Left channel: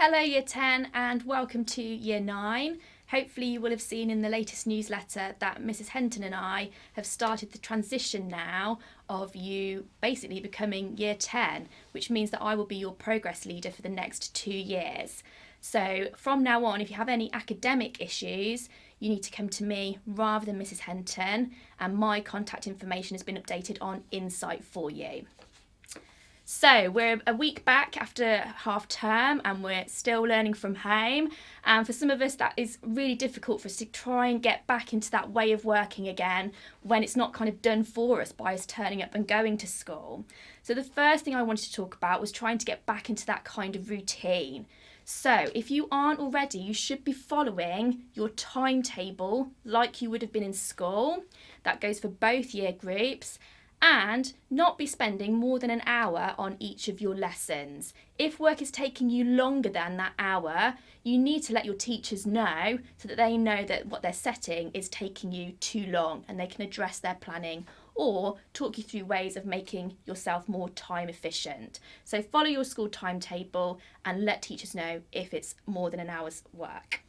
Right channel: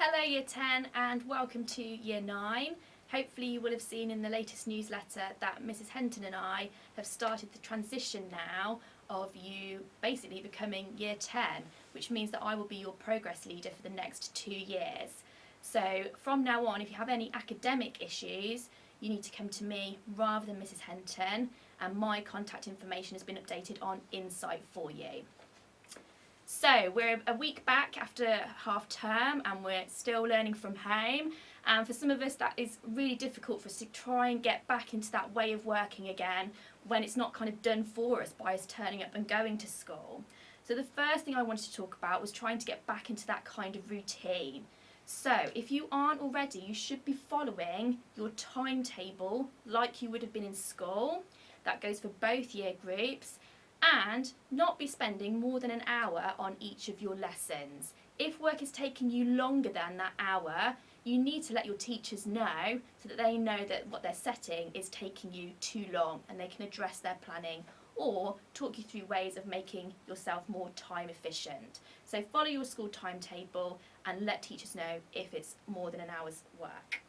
Hello Year 10 and welcome to Year 9. Hopefully you will have seen in the latest newsletter that Mrs Henton and I have started the transition now of you basically becoming Year 10, which means that I will be your progress leader for the next 2 years. So from now on, if you have any academic issues, you need to come to me rather than Mrs Henton, and my contact information has been updated on Insight for you. So we're a week back after half term and we're still learning from home, and for some of us that is really difficult for us to try and get back into that way of working again when it's not kind of done for us by us turning up and going to school. So the first thing I wanted to talk about was trying to get back into that kind of routine. So if you aren't already, you should be following your timetable like you would have been in school. That goes for both year groups. And not be spending more than an hour on each of your lessons. If work is taking you longer than that hour, you need to let your teachers know so that they know that what they're setting is taking you too long and they can address their planning or talk you through ways of making yourself more time efficient. So follow your school timetable and let teachers know if it's more than an hour's work.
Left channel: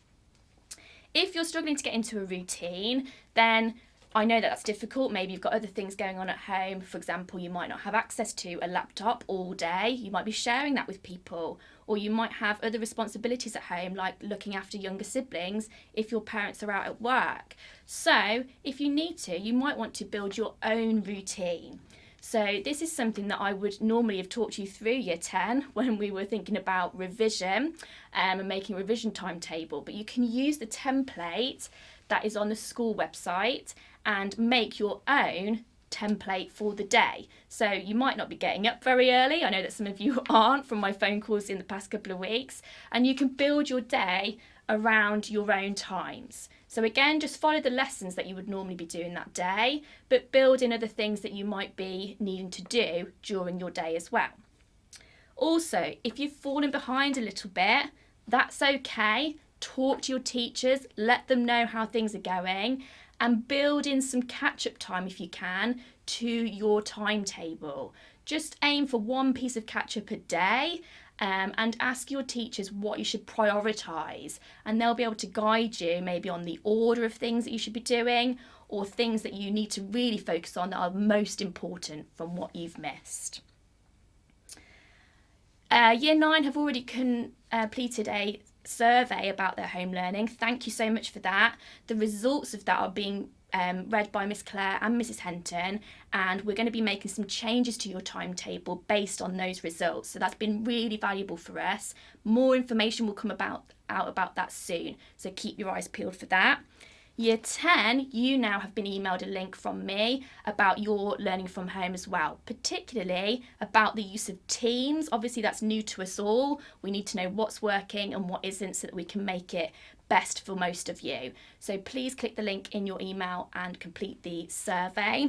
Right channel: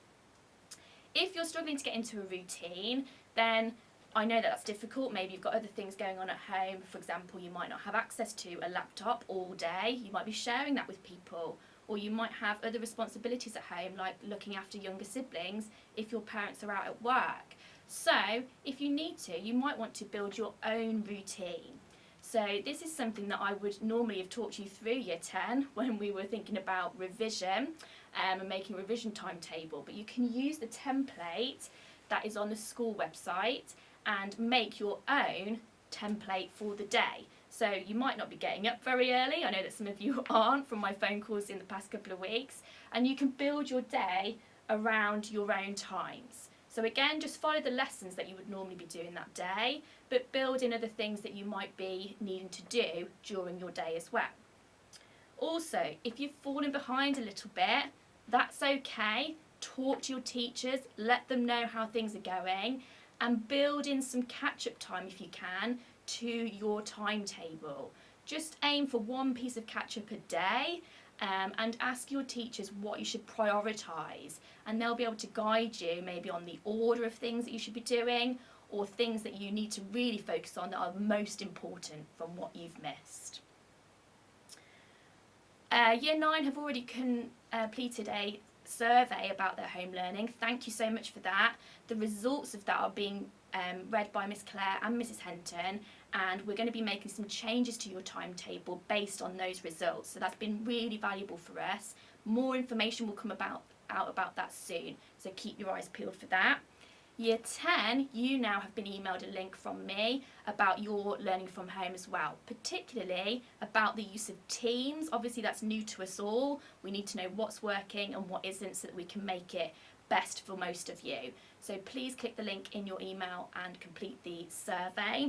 If you're struggling to get into a routine, then I know that that's difficult. Maybe you've got other things going on at home. For example, you might not have access to a laptop all day. You might be sharing that with people, or you might have other responsibilities at home, like looking after younger siblings if your parents are out at work. So if you need to, you might want to build your own routine. So this is something that I would normally have taught you through Year 10 when we were thinking about revision and making a revision timetable. But you can use the template that is on the school website and make your own template for the day. So you might not be getting up very early. I know that some of you aren't from my phone calls in the past couple of weeks, and you can build your day around your own times. So again, just follow the lessons that you would normally be doing that day, but build in other things that you might be needing to do during your day as well. Also, if you've fallen behind a little bit, that's okay. Talk to your teachers, let them know how things are going, and build in some catch-up time if you can to your timetable. Just aim for one piece of catch-up a day, and ask your teachers what you should prioritise, and they'll be able to guide you maybe on the order of things that you should be doing or things that you need to really focus on that are most important from what you've missed. Year 9 have already completed a survey about their home learning. Thank you so much for that. The results of that are being read by Miss Claire and Mrs Henton, and we're going to be making some changes to your timetable based on those results. So that's been really valuable for us. More information will come out about that soon, so keep your eyes peeled for that. Year 10, you now have been emailed a link from me about your learning from home as well, particularly about the use of Teams. Obviously that's new to us all. We need to know what's working and what isn't so that we can make it best for most of you. So please click the link in your email and complete the survey.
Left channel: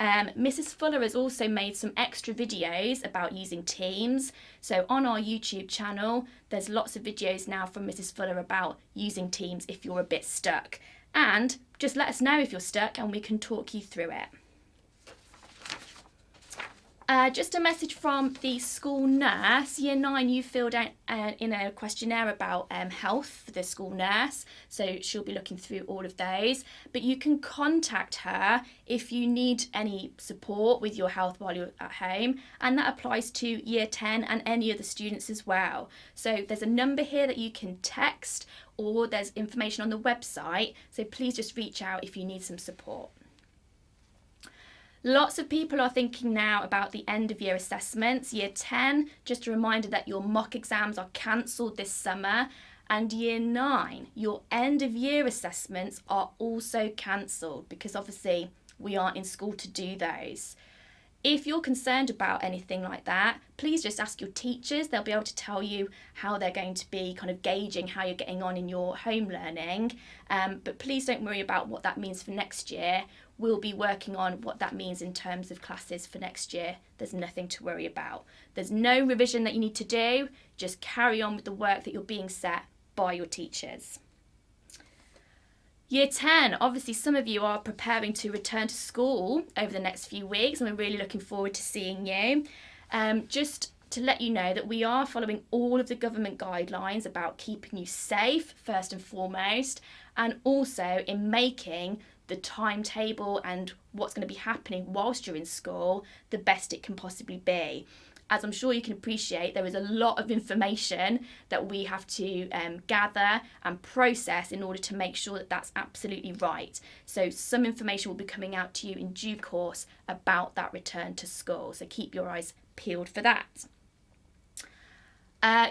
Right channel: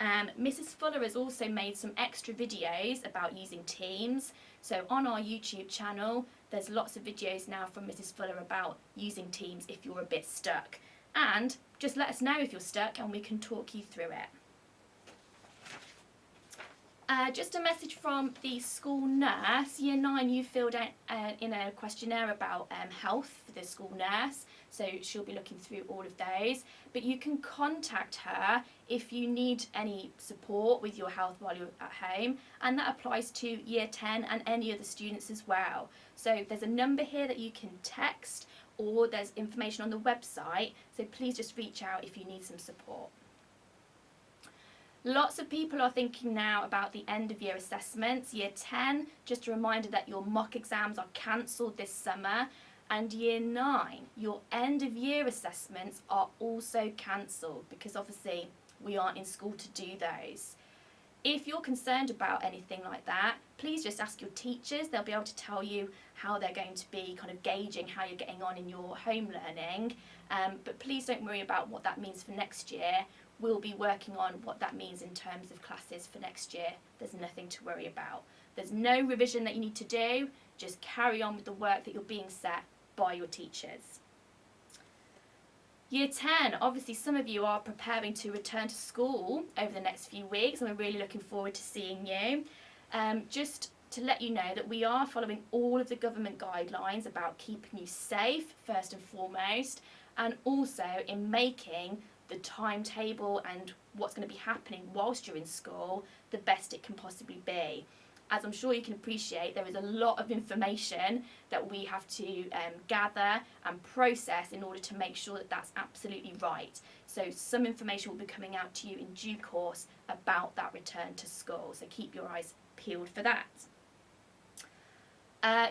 Mrs Fuller has also made some extra videos about using Teams. So on our YouTube channel, there's lots of videos now from Mrs Fuller about using Teams if you're a bit stuck. And just let us know if you're stuck and we can talk you through it. Just a message from the school nurse. Year 9, you filled out in a questionnaire about health for the school nurse, so she'll be looking through all of those. But you can contact her if you need any support with your health while you're at home, and that applies to Year 10 and any other students as well. So there's a number here that you can text, or there's information on the website, so please just reach out if you need some support. Lots of people are thinking now about the end of year assessments. Year 10, just a reminder that your mock exams are cancelled this summer, and Year 9, your end of year assessments are also cancelled because obviously we aren't in school to do those. If you're concerned about anything like that, please just ask your teachers. They'll be able to tell you how they're going to be kind of gauging how you're getting on in your home learning. But please don't worry about what that means for next year. We'll be working on what that means in terms of classes for next year. There's nothing to worry about. There's no revision that you need to do. Just carry on with the work that you're being set by your teachers. Year 10, obviously some of you are preparing to return to school over the next few weeks, and we're really looking forward to seeing you. Just to let you know that we are following all of the government guidelines about keeping you safe, first and foremost, and also in making the timetable and what's going to be happening whilst you're in school the best it can possibly be. As I'm sure you can appreciate, there is a lot of information that we have to gather and process in order to make sure that that's absolutely right. So some information will be coming out to you in due course about that return to school. So keep your eyes peeled for that.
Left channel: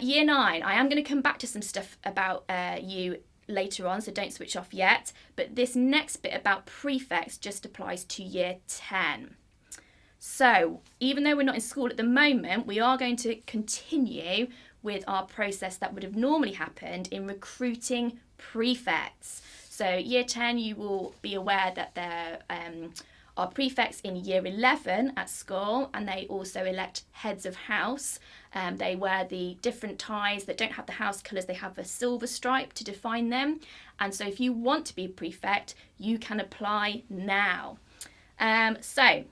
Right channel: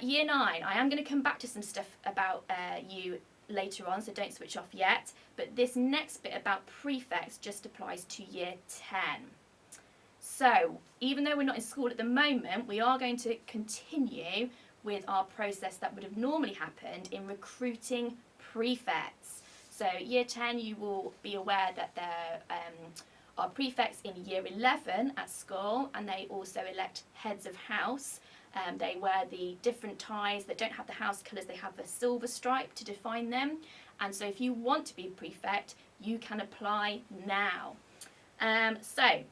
Year 9, I am going to come back to some stuff about you later on, so don't switch off yet. But this next bit about prefects just applies to year 10. So even though we're not in school at the moment, we are going to continue with our process that would have normally happened in recruiting prefects. So year 10, you will be aware that there are prefects in year 11 at school, and they also elect heads of house. They wear the different ties that don't have the house colours, they have a silver stripe to define them. And so if you want to be a prefect, you can apply now. So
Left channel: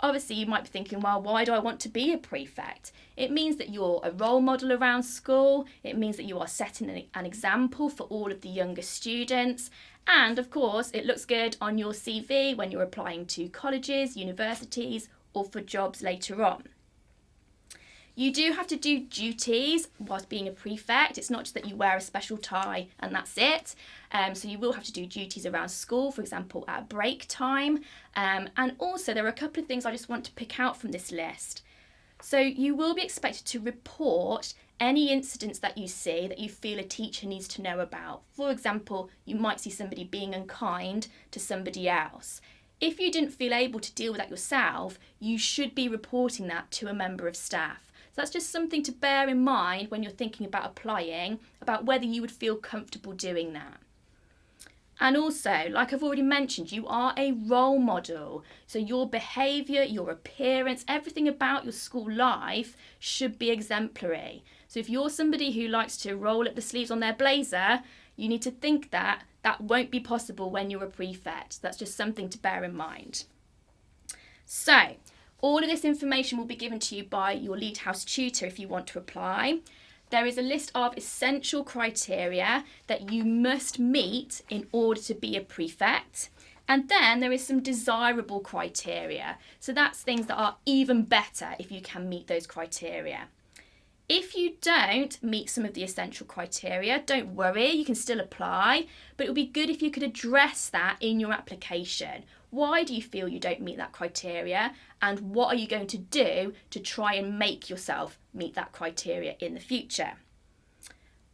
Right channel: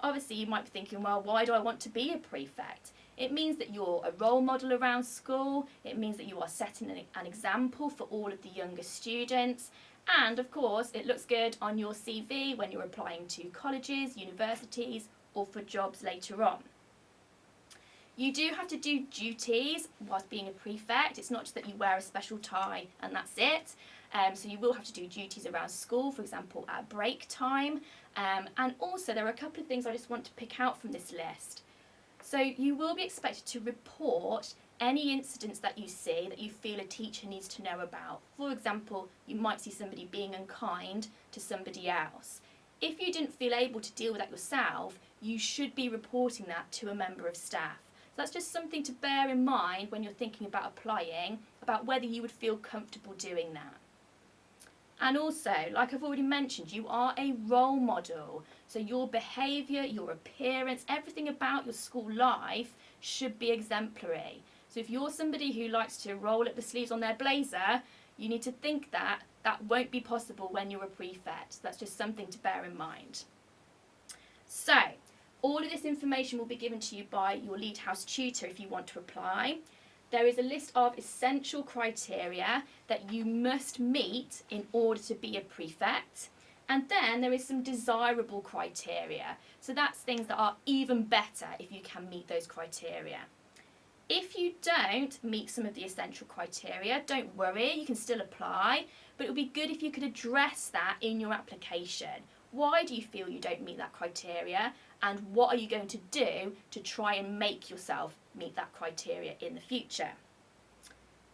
obviously you might be thinking, well, why do I want to be a prefect? It means that you're a role model around school. It means that you are setting an example for all of the younger students. And of course, it looks good on your CV when you're applying to colleges, universities, or for jobs later on. You do have to do duties whilst being a prefect. It's not just that you wear a special tie and that's it. So you will have to do duties around school, for example, at break time. And also there are a couple of things I just want to pick out from this list. So you will be expected to report any incidents that you see that you feel a teacher needs to know about. For example, you might see somebody being unkind to somebody else. If you didn't feel able to deal with that yourself, you should be reporting that to a member of staff. So that's just something to bear in mind when you're thinking about applying, about whether you would feel comfortable doing that. And also, like I've already mentioned, you are a role model. So your behaviour, your appearance, everything about your school life should be exemplary. So if you're somebody who likes to roll up the sleeves on their blazer, you need to think that that won't be possible when you're a prefect. That's just something to bear in mind. So all of this information will be given to you by your lead house tutor if you want to apply. There is a list of essential criteria that you must meet in order to be a prefect. And then there is some desirable criteria. So that's things that are even better if you can meet those criteria. If you don't meet some of the essential criteria, don't worry, you can still apply, but it would be good if you could address that in your application. Why do you feel you don't meet that criteria? And what are you going to do to try and make yourself meet that criteria in the future?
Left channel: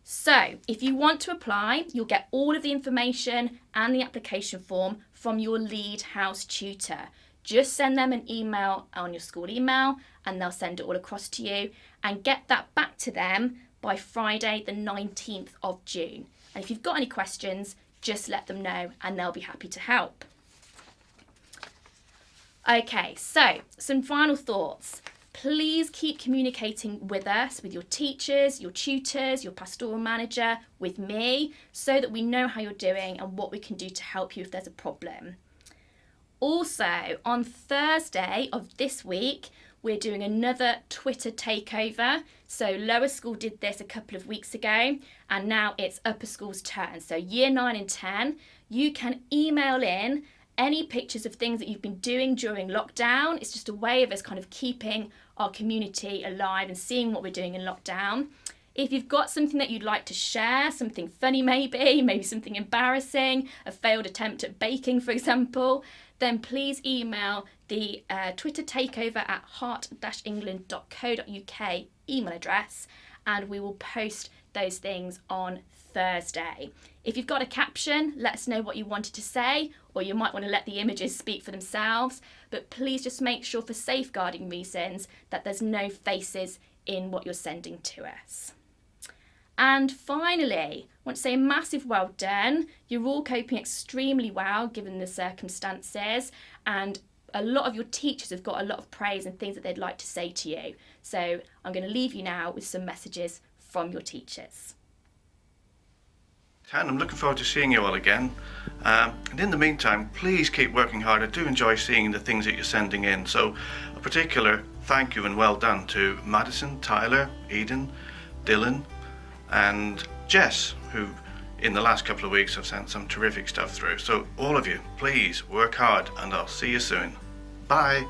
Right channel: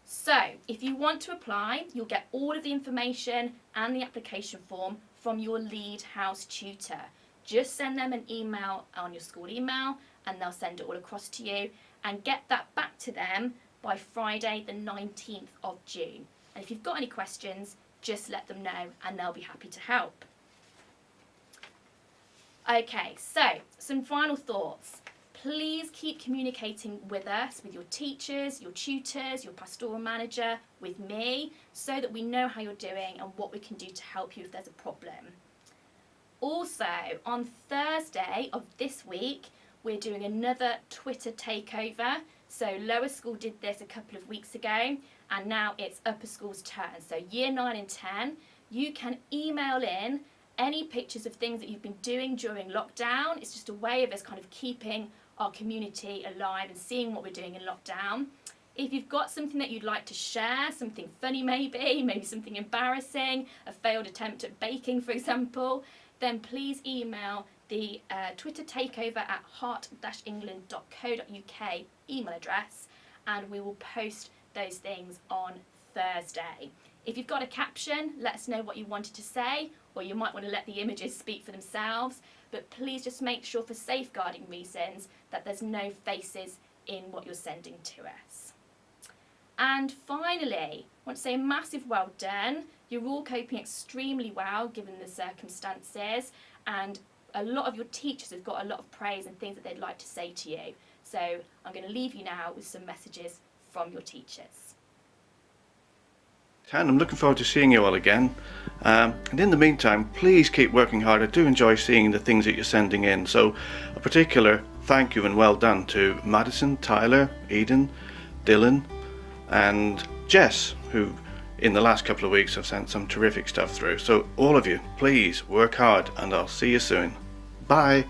So if you want to apply, you'll get all of the information and the application form from your lead house tutor. Just send them an email on your school email and they'll send it all across to you, and get that back to them by Friday the 19th of June. And if you've got any questions, just let them know and they'll be happy to help. Okay, so some final thoughts. Please keep communicating with us, with your teachers, your tutors, your pastoral manager, with me, so that we know how you're doing and what we can do to help you if there's a problem. Also, on Thursday of this week, we're doing another Twitter takeover. So Lower School did this a couple of weeks ago, and now it's Upper School's turn. So year 9 and 10, you can email in any pictures of things that you've been doing during lockdown. It's just a way of us kind of keeping our community alive and seeing what we're doing in lockdown. If you've got something that you'd like to share, something funny maybe something embarrassing, a failed attempt at baking, for example, then please email the Twitter takeover at heart-england.co.uk email address, and we will post those things on Thursday. If you've got a caption, let us know what you wanted to say, or you might want to let the images speak for themselves, but please just make sure for safeguarding reasons that there's no faces in what you're sending to us. And finally, I want to say a massive well done. You're all coping extremely well given the circumstances, and a lot of your teachers have got a lot of praise and things that they'd like to say to you. So I'm going to leave you now with some messages from your teachers. I'm looking forward to seeing you all again. And in the meantime, please keep working hard. I do enjoy seeing the things that you're sending in. So a particular thank you and well done to Madison, Tyler, Eden, Dylan and Jess, who in the last couple of weeks have sent some terrific stuff through. So all of you, please work hard and I'll see you soon. Bye.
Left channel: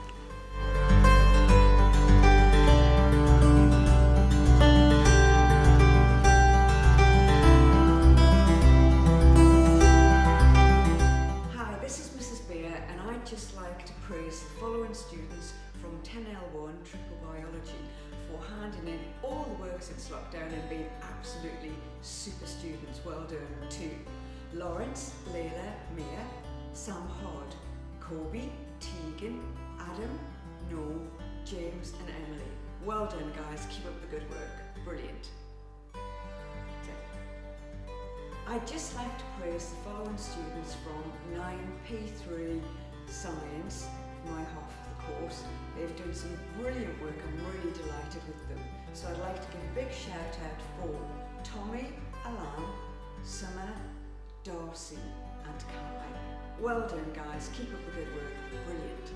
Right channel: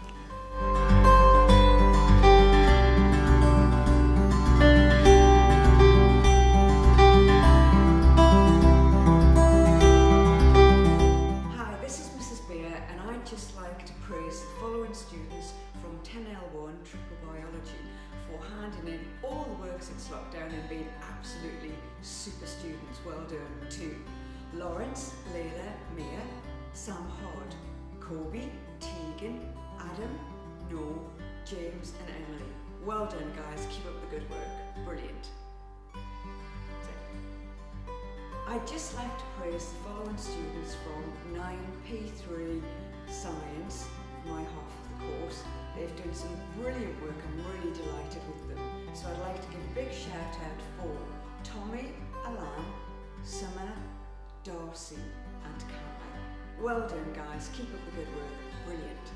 Hi, this is Mrs. Beer and I'd just like to praise the following students from 10L1 Triple Biology for handing in all the work since lockdown and being absolutely super students. Well done to Lawrence, Layla, Mia, Sam Hod, Kobe, Tegan, Adam, Noel, James and Emily. Well done guys, keep up the good work. Brilliant. I'd just like to praise the following students from 9P3 Science, my half of the course. They've done some brilliant work, I'm really delighted with them. So I'd like to give a big shout out for Tommy, Alan, Summer, Darcy and Kai. Well done guys, keep up the good work, brilliant.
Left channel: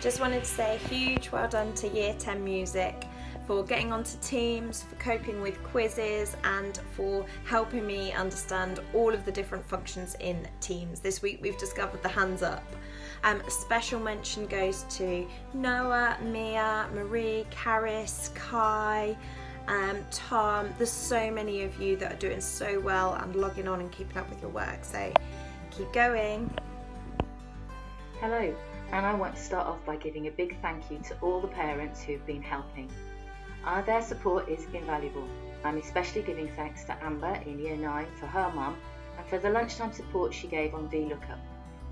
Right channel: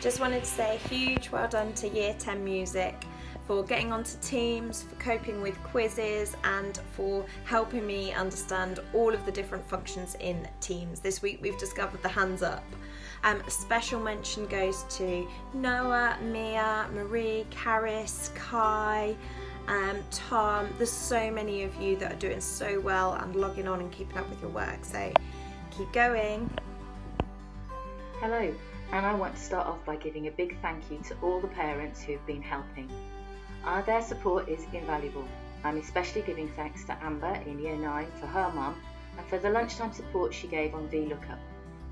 Just wanted to say a huge well done to Year 10 Music for getting onto Teams, for coping with quizzes and for helping me understand all of the different functions in Teams. This week we've discovered the hands up. A special mention goes to Noah, Mia, Marie, Karis, Kai, Tom. There's so many of you that are doing so well and logging on and keeping up with your work, so keep going. Hello, and I want to start off by giving a big thank you to all the parents who've been helping. Their support is invaluable. I'm especially giving thanks to Amber in Year 9 for her mum and for the lunchtime support she gave on VLOOKUP.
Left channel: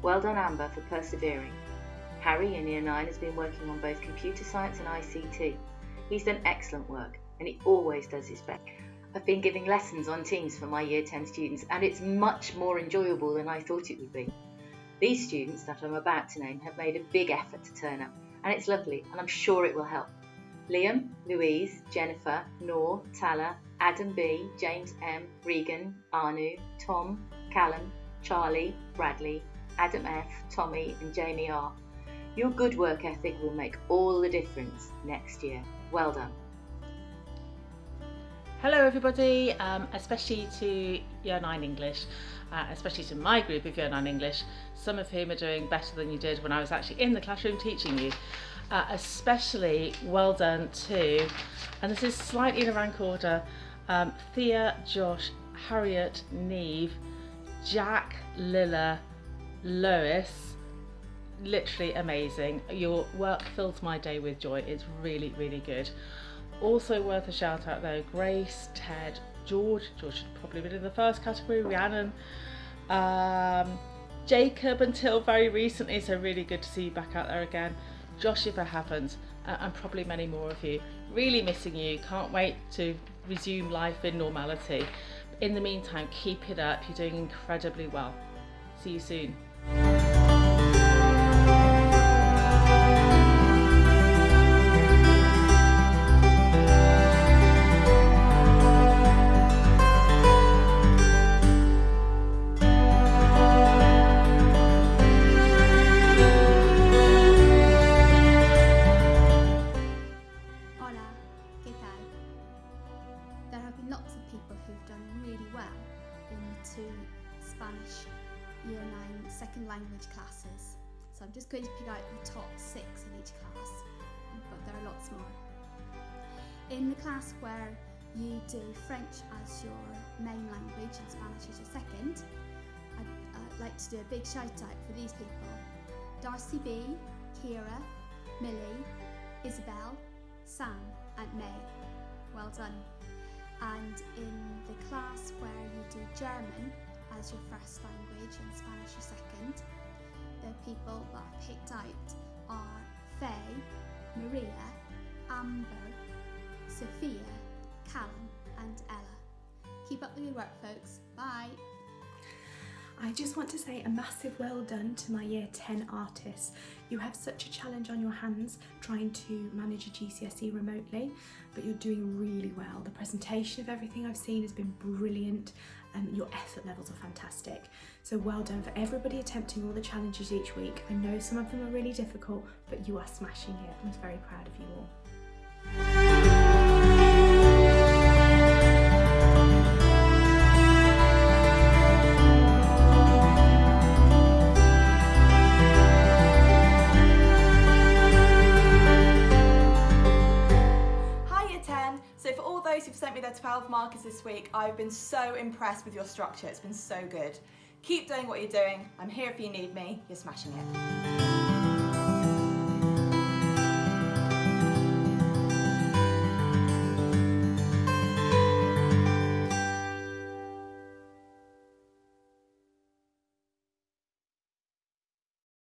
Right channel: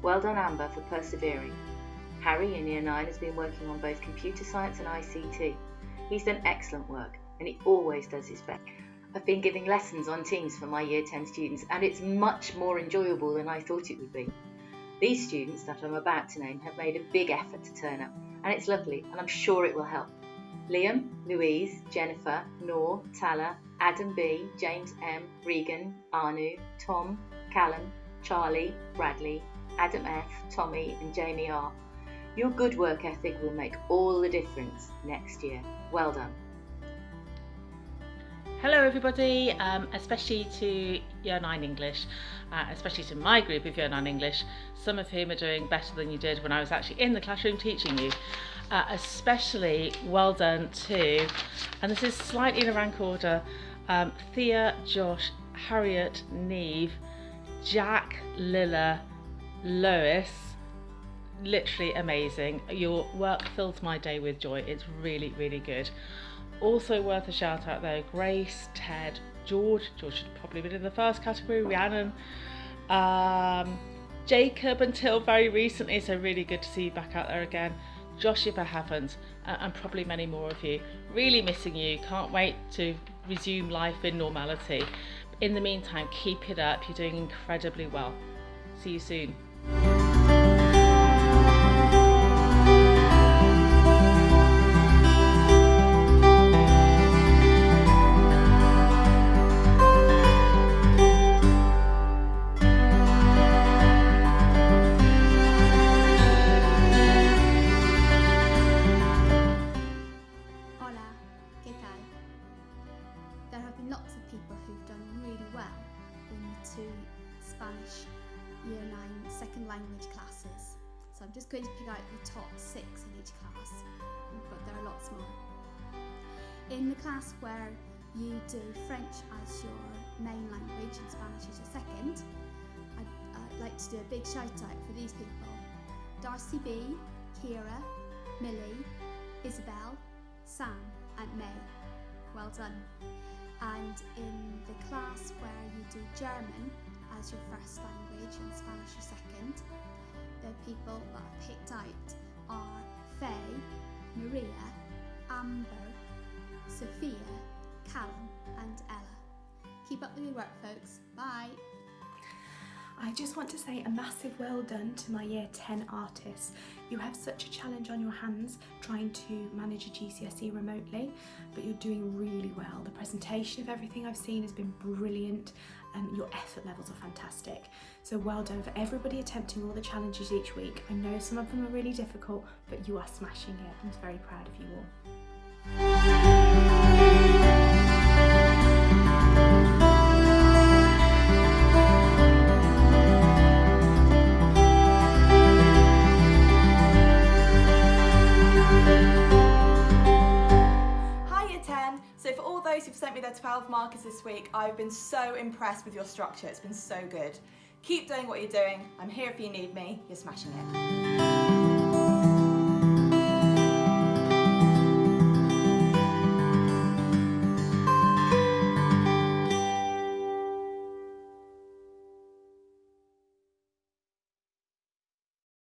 Well done Amber for persevering. Harry in Year 9 has been working on both computer science and ICT. He's done excellent work and he always does his best. I've been giving lessons on Teams for my Year 10 students and it's much more enjoyable than I thought it would be. These students that I'm about to name have made a big effort to turn up and it's lovely and I'm sure it will help. Liam, Louise, Jennifer, Noor, Tala, Adam B, James M, Regan, Anu, Tom, Callum, Charlie, Bradley, Adam F, Tommy and Jamie R. Your good work ethic will make all the difference next year. Well done. Hello everybody, especially to Year 9 English, especially to my group of Year 9 English, some of whom are doing better than you did when I was actually in the classroom teaching you. Especially well done to, and this is slightly in a rank order, Thea, Josh, Harriet, Neve, Jack, Lilla, Lois. Literally amazing. Your work fills my day with joy. It's really, really good. Also worth a shout out though, Grace, Ted, George should probably have been in the first category, Rhiannon, Jacob until very recently, so really good to see you back out there again. Josh if it happens, and probably many more of you. Really missing you, can't wait to resume life in normality. In the meantime, keep it up, you're doing incredibly well. See you soon. Spanish Year 9 second language classes. So I'm just going to pick out the top 6 in each class, but there are lots more. In the class where you do French as your main language and Spanish as your second, I'd like to do a big shout out for these people: Darcy B, Kira, Millie, Isabel, Sam and May. Well done. And in the class where you do German as your first language and Spanish your second, the people that I picked out are Faye, Maria, Amber, Sophia, Callum and Ella. Keep up the good work folks, bye! I just want to say a massive well done to my Year 10 artists. You have such a challenge on your hands trying to manage a GCSE remotely, but you're doing really well. The presentation of everything I've seen has been brilliant. and your effort levels are fantastic. So well done for everybody attempting all the challenges each week. I know some of them are really difficult, but you are smashing it. I'm very proud of you all. So for all those who've sent me their 12 markers this week, I've been so impressed with your structure. It's been so good. Keep doing what you're doing. I'm here if you need me. You're smashing it.